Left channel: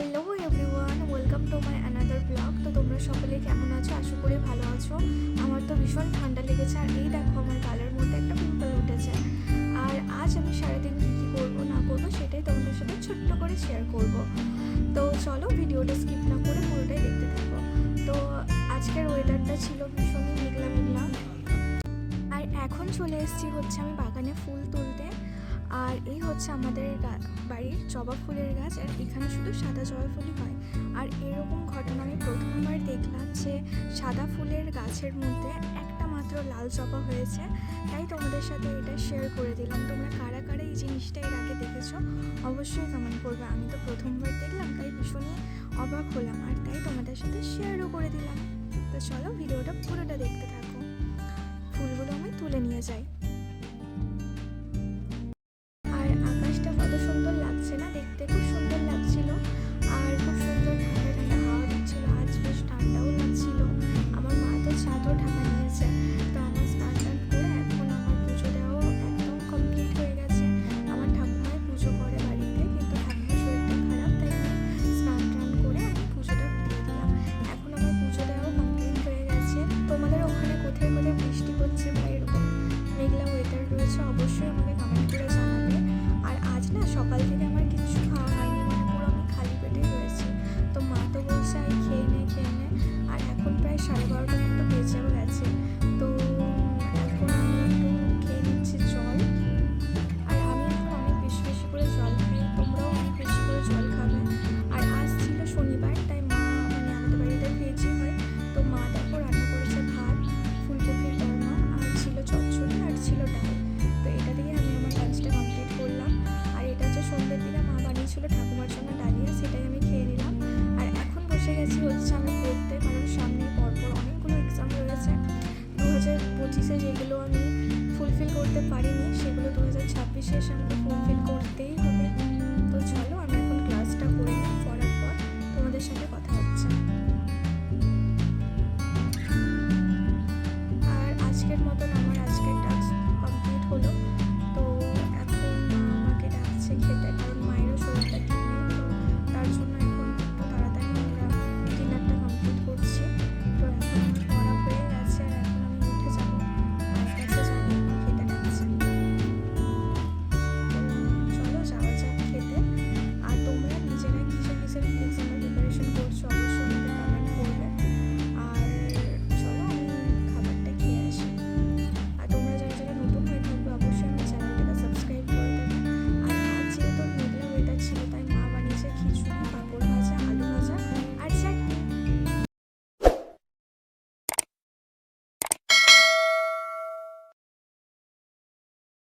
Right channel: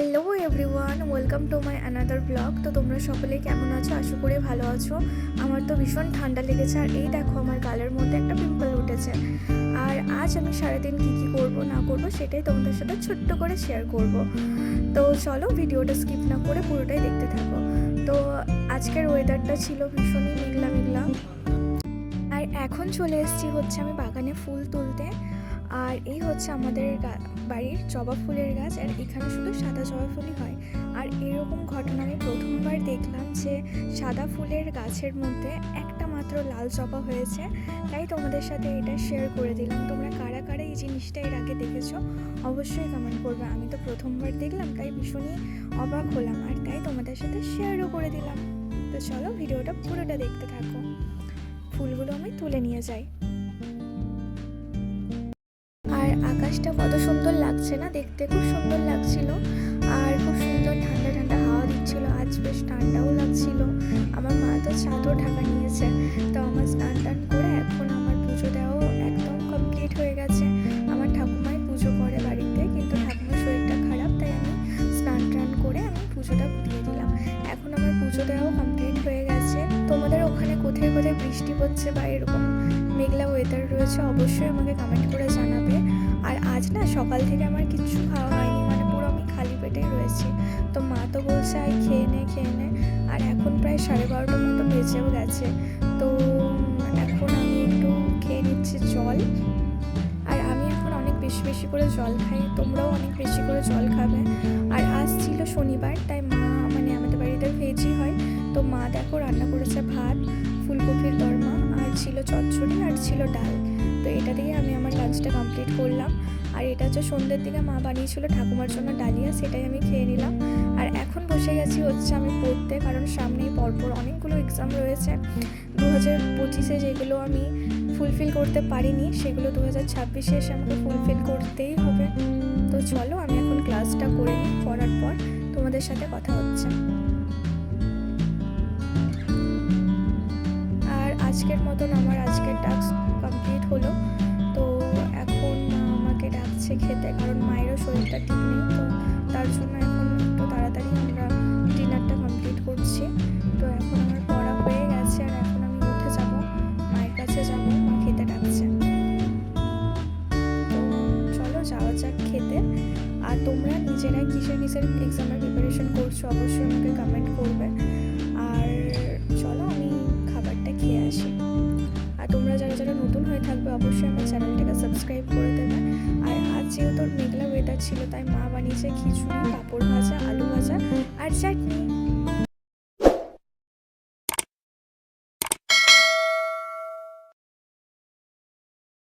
Hello everyone, welcome to my another blog. তো তোমরা সকলে কেমন আছো? আশা করি ভালো আছো। আমার তো ভীষণ ঠান্ডা লেগেছে, আর এই দেখো আমার গালের মধ্যে একটা পিম্পল উঠেছে। আর আজ আমি সারাদিন কী কী করবো না করবো সেটাই তোমাদের সাথে ছোট্ট করে শেয়ার করব। তো চলো ভিডিওটা স্কিপ না করে পুরোটাই দেখতে থাকো। তো আজকের ওয়েদারটা ছিল ভীষণই মেঘলা মেঘলা, আর এখন চলে এসেছি হচ্ছে আমি বাগানে ফুল তুলতে। আর এই হচ্ছে আমাদের বাড়ির জবা ফুলের গাছ, আর এখানে শুধু সাদা জবা ফুলই হয়। আর এরকম ঘটনা আমি প্রথমবার দেখলাম যে সাদা ফুলের গাছের মধ্যে একটা মাত্র লাল জবা হয়েছে। তাই তোমাদের সাথে এটা শেয়ার করে দিলাম। তোমরা কারা কারা এই জিনিসটা এর আগে দেখেছো অবশ্যই কমেন্ট করবে। আমি তো প্রথমবার দেখলাম, তাই ভীষণই অবাক হলাম, আর তাই তোমাদের সাথে শেয়ারও করে দিলাম। তো চলো ভিডিওটা পুরোটা দেখতে থাকো। ফুলগুলো আমি তুলে নিয়ে যাই। আর আকাশটা কত সুন্দর লাগছে না, দেখতে খুব সুন্দর লাগছিল। আর খুব সুন্দর ঠান্ডা ঠান্ডা হাওয়া দিচ্ছিল, আজ বেশ ঠান্ডাও লাগছিল। আমার মা তো চাদর ঢাকা নিয়েছে। তো আমার স্নান টান করে এখন আমার পুজো দেওয়াও একদম কমপ্লিট হয়ে গেছে। আমার ঠাকুমাই পুজো করে বাড়িতে, কিন্তু ঠাকুমার শরীরটা খারাপ, তাই আমি স্নান টান করে আমি পুজোটা দিয়ে দিলাম। এখন আমার পুজো দেওয়াও কমপ্লিট হয়ে গেছে। তোমাদের ওখানে কোথায় কোথায় বৃষ্টি হচ্ছে বা এরকম মেঘলা ওয়েদার রয়েছে অবশ্যই আমাকে কমেন্ট করে জানাবে। আর আজ না সকাল থেকে আমার কিচ্ছু খাওয়া হয়নি, মানে পুরো আমি খালি পেটেই রয়েছি। তো মা তো বলছে আর খেয়ে নে। আর এখন প্রায় 12:30টার মতো বেজেও গেছে। তো এখন আমি একটু খেয়ে নিচ্ছি জল। আর আমি এখন অনেক বেশি বেশি করে জল খাই, তোমরাও অনেক বেশি করে জল খাবে। আর আজ ছিল শনিবার, তাই মা মানে আমাদের বাড়িতেও ভেজই হয়। তো মা দেখো রান্না করেছে ভাত, ফুলকপির দরমা, আর ছিল চচ্চড়ি, আর ছিল ডাল। তো এটা দিয়ে আমি আমার লাঞ্চটা কমপ্লিট করলাম। আর এটা হচ্ছে সন্ধ্যের দিকে মা বানিয়েছিল ঠাকুমার জন্য ডালিয়া, সেটাই আমি খেয়ে নিলাম। আর এখন বসে গেছি হচ্ছে আমি পড়তে, কারণ সামনেই পরপর অনেকগুলো এক্সাম রয়েছে 2025-এ, যেগুলো আমি ফুলফিল করতে পারিনি সেগুলো 2026-এ এসে আমাকে ফুলফিল করতেই হবে। তো চলো আমি এখন ক্লাসটা করে নিই, পড়ার পর তোমাদের সাথে কথা হচ্ছে। আর আজকের মতন আমার আজকের টাস্ক কমপ্লিট হলো। তো এখন আমাকে ডাকছে খেতে, কারণ মায়েরও শরীরটা ঠিক নেই। তো তার জন্য এখন একটু তাড়াতাড়ি আমরা ডিনারটা কমপ্লিট করছি। তো এখন আমার পড়া হয়ে গেছে, আর এখন আমি উঠে যাব, মায়ের কাছে যাব, মা খেতে ডাকছে। তো চলো যাওয়া যাক খেতে। আর তোমরা নিজেরাই কিসের এক্সামের প্রিপারেশন করছো অবশ্যই আমাকে কমেন্ট করবে। আর চলো আমি খাবারটা খেয়ে আসি। আর তোমরা যারা যারা নতুন হয়ে থাকবে অবশ্যই আমার চ্যানেলটাকে সাবস্ক্রাইব করে দেবে। আর আজ যেহেতু মেঘলা ওয়েদার ছিল, তাই মা বানিয়েছে খিচুড়ি, পাঁপড় ভাজা, আলু ভাজা আর